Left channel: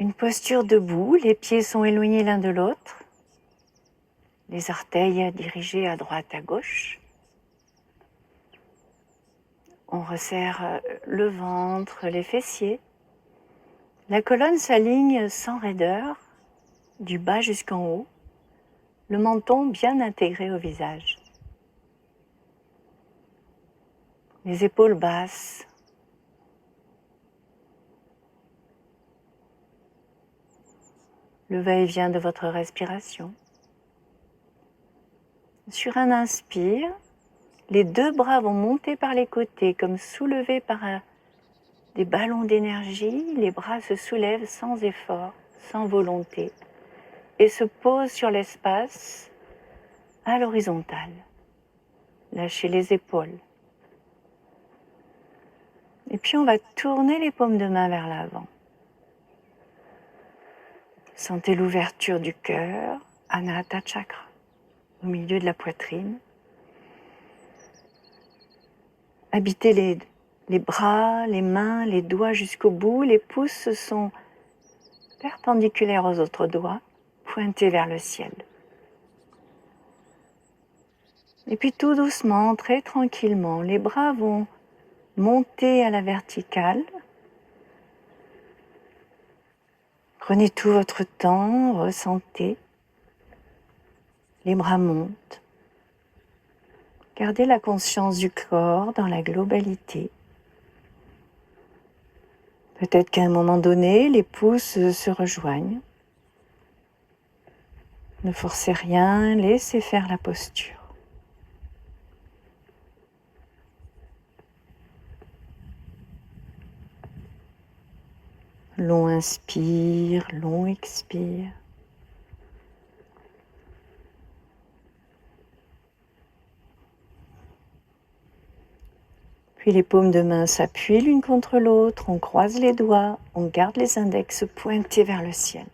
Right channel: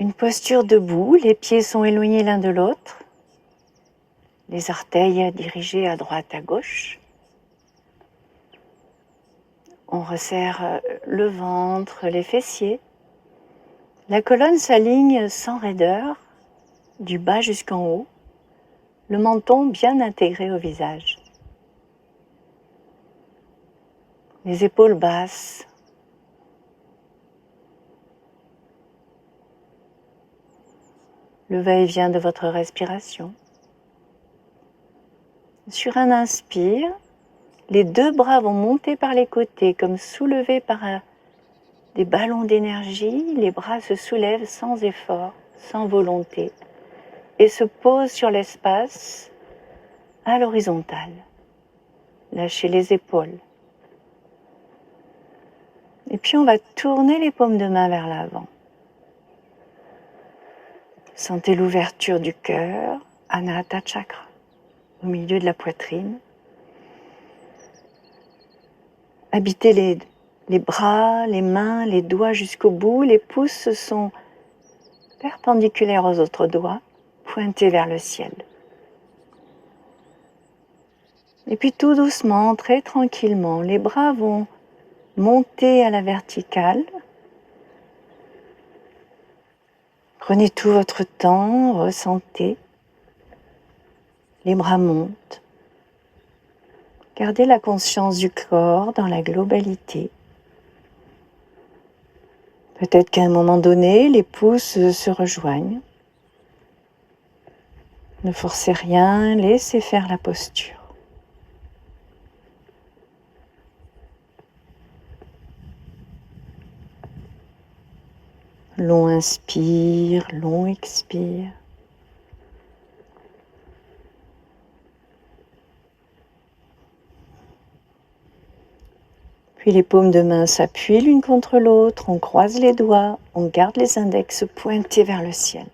Une posture debout, les pieds sont éloignés l'un de l'autre, les orteils dirigés à droite à gauche. On resserre le ventre, les fessiers. La colonne s'aligne sans raideur, du bas jusqu'en haut, le menton bien intégré au visage. Les épaules basses. Le va-et-vient de votre respiration. Sur un inspire, les deux bras vont monter par les côtés comme soulevés par des ballons d'énergie. Les bras se soulèvent sans effort, sans volonté et se posent sur l'espace à l'horizontale. Lâchez les épaules. Et puis on va tourner les paumes de main vers l'avant. Sentez l'ouverture du cœur, Anahata Chakra, au milieu de la poitrine. Habitez les bras, les mains, les doigts jusqu'au bout. Les pouces sont perpendiculaires aux autres doigts, pointés vers le ciel. Et puis tout doucement, très tranquillement, les bras vont monter à la verticale. Prenez tout votre temps, ressentez. Les bras montent. Gardez la conscience du corps dans la globalité. Peut-être qu'à un moment donné, les pouces se rejoignent. Ne forcez rien, laissez faire la posture. Long inspire, long expire. Puis les paumes de main s'appuient l'une contre l'autre, on croise les doigts, on garde les index pointés vers le ciel.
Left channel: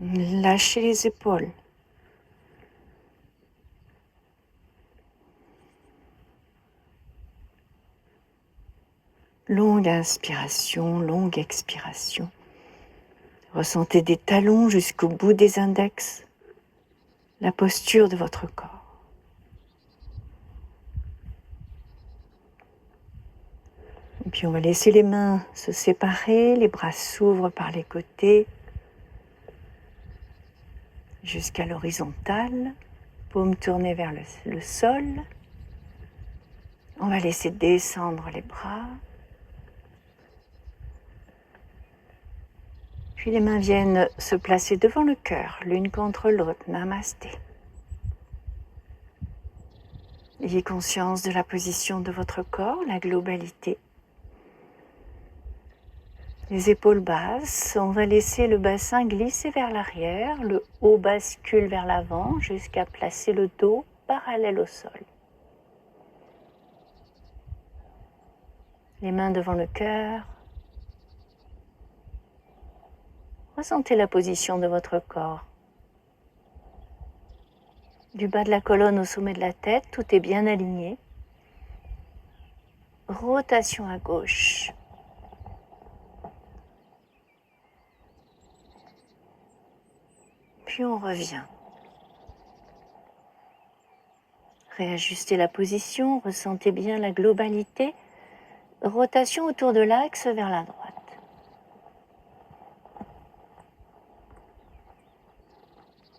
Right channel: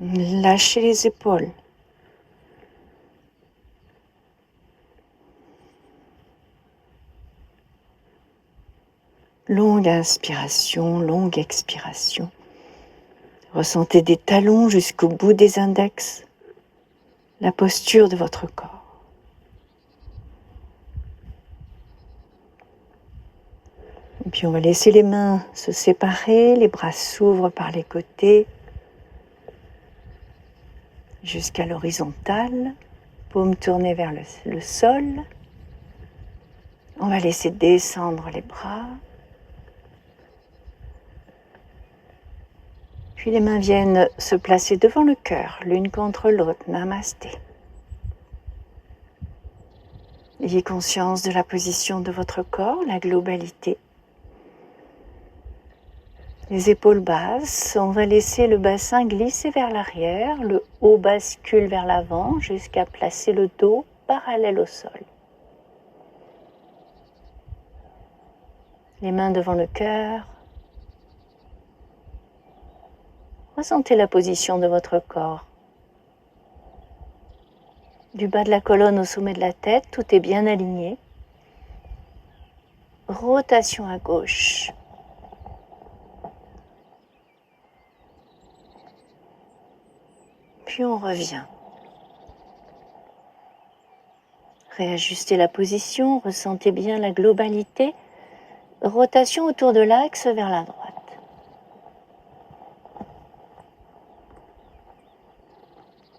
Lâchez les épaules. Longue inspiration, longue expiration. Ressentez des talons jusqu'au bout des index, la posture de votre corps. Et puis on va laisser les mains se séparer, les bras s'ouvrent par les côtés jusqu'à l'horizontale, paumes tournées vers le sol. On va laisser descendre les bras. Puis les mains viennent se placer devant le cœur, l'une contre l'autre. Namasté. Ayez conscience de la position de votre corps, la globalité. Les épaules basses, on va laisser le bassin glisser vers l'arrière, le haut bascule vers l'avant jusqu'à placer le dos parallèle au sol. Les mains devant le cœur. Ressentez la position de votre corps. Du bas de la colonne au sommet de la tête, tout est bien aligné. Rotation à gauche. Puis on revient. Réajustez la position, ressentez bien la globalité. Rotation autour de l'axe vers la droite.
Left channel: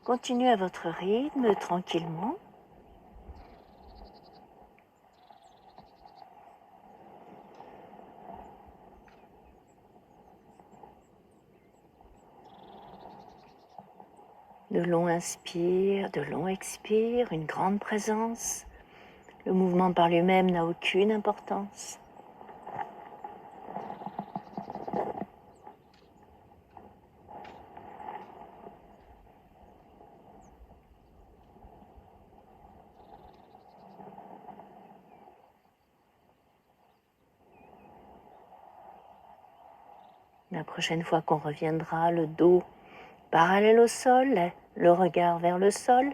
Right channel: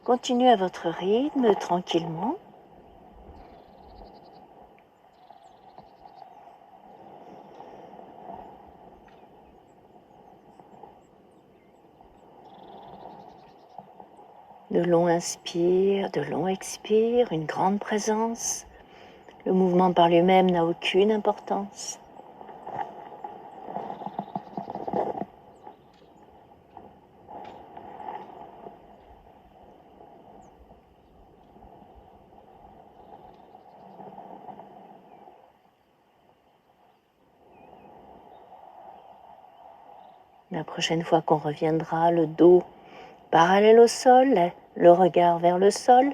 Continuez à votre rythme, tranquillement. De longs inspires, de longs expires, une grande présence. Le mouvement par lui-même n'a aucune importance. La prochaine fois qu'on reviendra, le dos parallèle au sol, le regard vers le sol.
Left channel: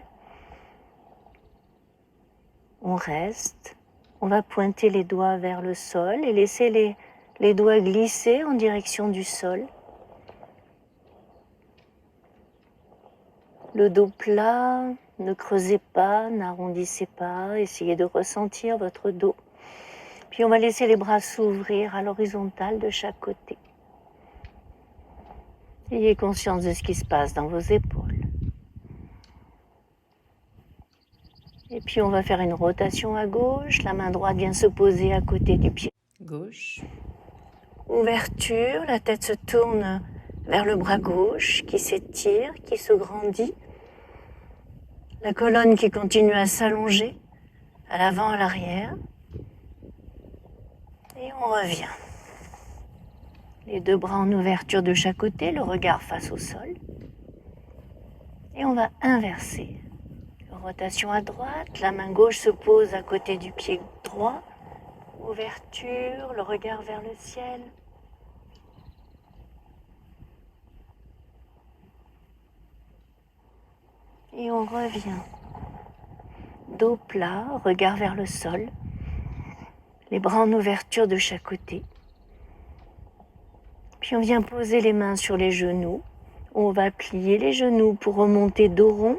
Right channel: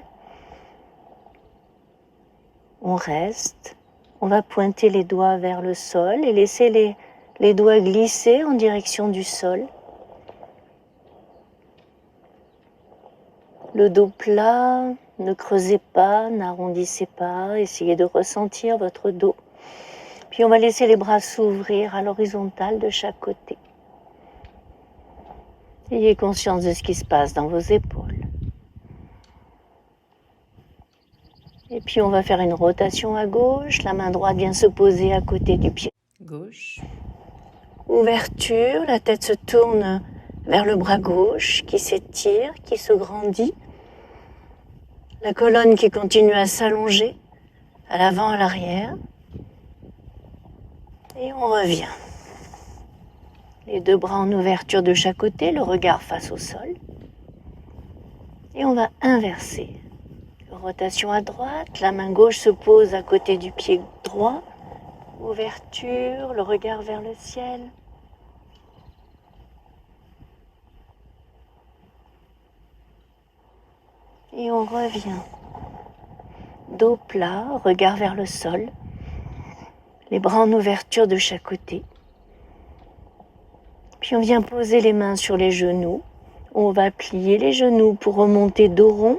On reste, on va pointer les doigts vers le sol et laisser les les doigts glissés en direction du sol. Le dos plat, ne creusez pas, n'arrondissez pas, essayez de ressentir votre dos. Puis on va laisser les bras s'ouvrir à l'horizontale de chaque côté. Ayez conscience de ce qui se passe dans vos épaules. Et puis on va faire une rotation à gauche. La main droite vient se poser à côté du pied gauche. Ouverture, la tête se tourne vers le bras gauche qui s'étire, qui se grandit. La colonne qui continue à s'allonger à l'avant, à l'arrière. Et on revient. Les deux bras en ouverture de chaque côté, le regard face au sol. Et on va inverser. Rotation à droite, la main gauche se pose à côté du pied droit. Ouverture, le regard vers le ciel. Et on revient. Dos plat, regard vers le sol. Les bras en ouverture de chaque côté. Puis on vient poser les mains sur les genoux. On va plier les genoux pour remonter dos rond.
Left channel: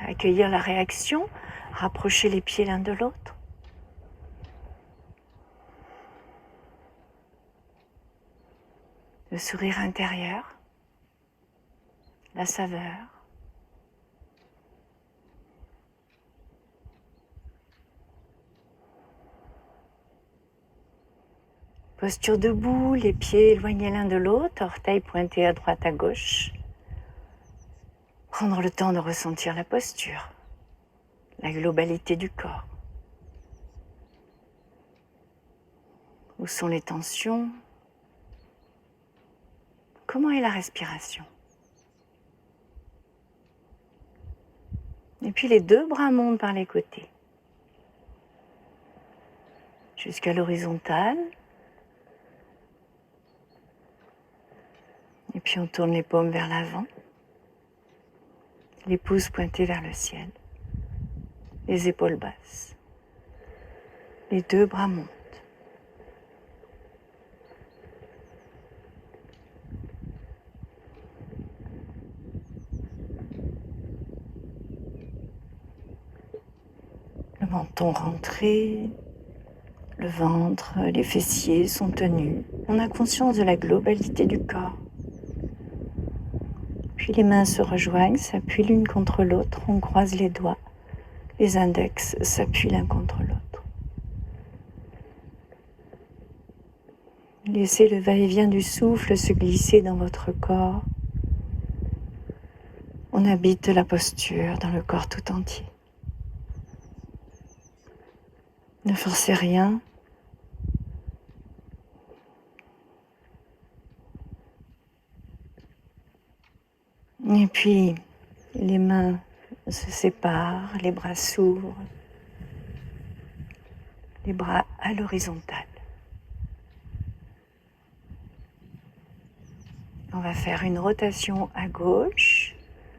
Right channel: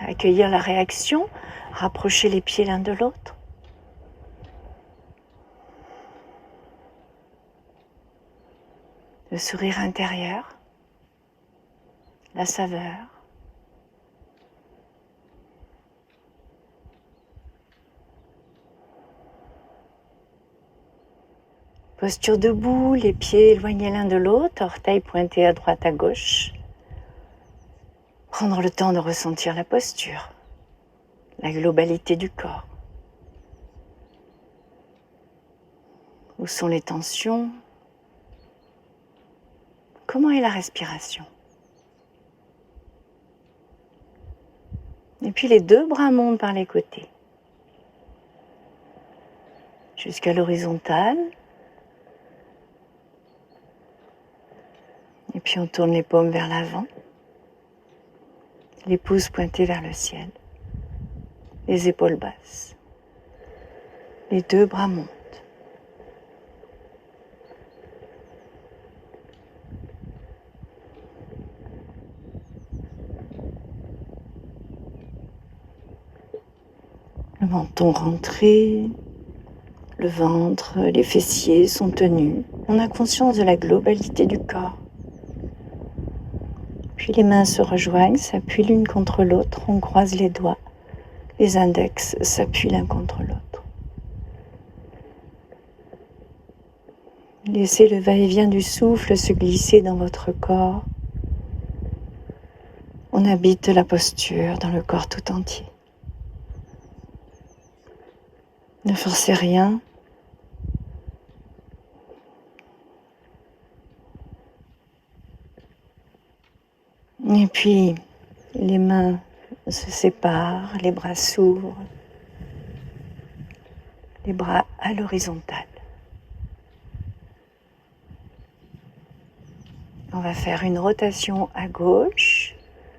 Accueillir la réaction, rapprocher les pieds l'un de l'autre. Le sourire intérieur, la saveur. Posture debout, les pieds éloignés l'un de l'autre, orteils pointés à droite à gauche. Prendre le temps de ressentir la posture, la globalité du corps. Où sont les tensions? Comment est la respiration? Et puis les deux bras montent par les côtés. Jusqu'à l'horizontale. Et puis on tourne les paumes vers l'avant. Les pouces pointés vers le ciel. Les épaules basses. Les deux bras montent. Le menton rentré, le ventre, les fessiers sont tenus. On a conscience de la globalité du corps. Puis les mains se rejoignent, s'appuient l'une contre l'autre, on croise les doigts. Les index s'appuient l'un contre l'autre. Laissez le va-et-vient du souffle se glisser dans votre corps. On habite la posture dans le corps tout entier. Ne forcez rien. Et puis, les mains se séparent, les bras s'ouvrent, les bras à l'horizontale. On va faire une rotation à gauche.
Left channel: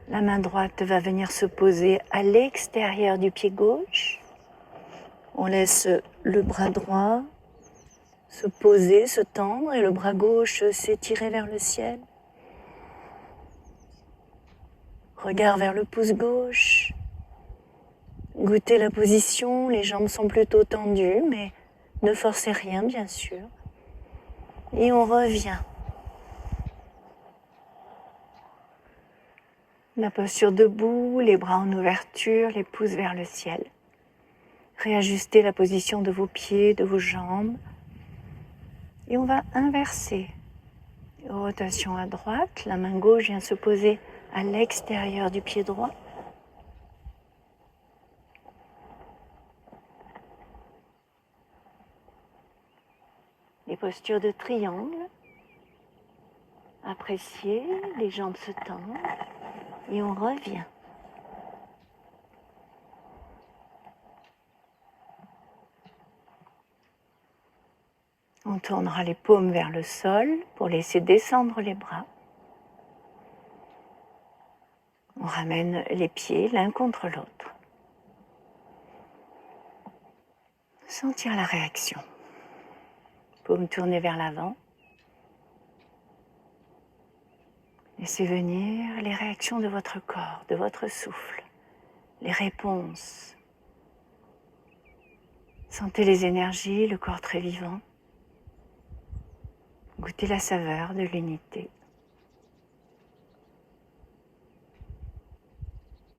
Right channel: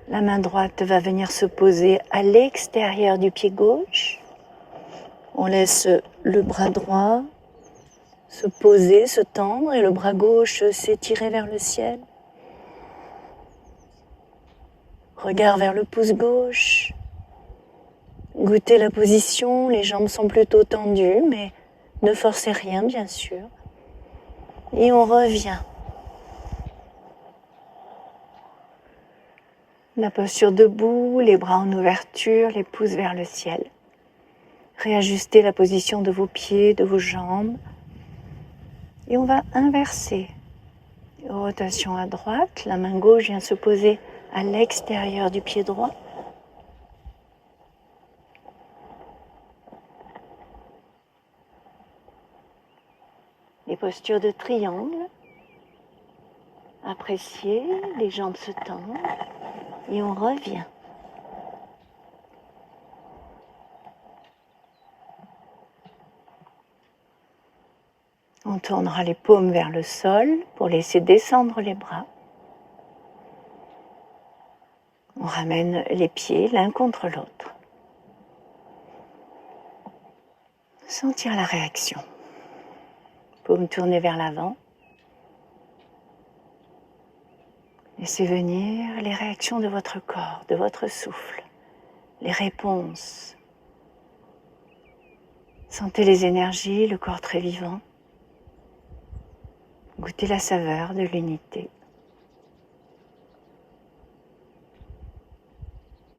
La main droite va venir se poser à l'extérieur du pied gauche. On laisse le bras droit se poser, se tendre et le bras gauche s'étirer vers le ciel. Regard vers le pouce gauche. Goûtez la position, les jambes sont plutôt tendues, mais ne forcez rien bien sûr. Et on revient. La posture debout, les bras en ouverture, les pouces vers le ciel. Réajustez la position de vos pieds, de vos jambes. Et on va inverser. Rotation à droite, la main gauche vient se poser à l'extérieur du pied droit. Les postures de triangle. Appréciez, les jambes se tendent et on revient. On tournera les paumes vers le sol pour laisser descendre les bras. On ramène les pieds l'un contre l'autre. sentir la réaction. Paume tournée vers l'avant. Laissez venir les réactions de votre corps, de votre souffle, les réponses. Sentez les énergies, le corps très vivant. Goûtez la saveur de l'unité.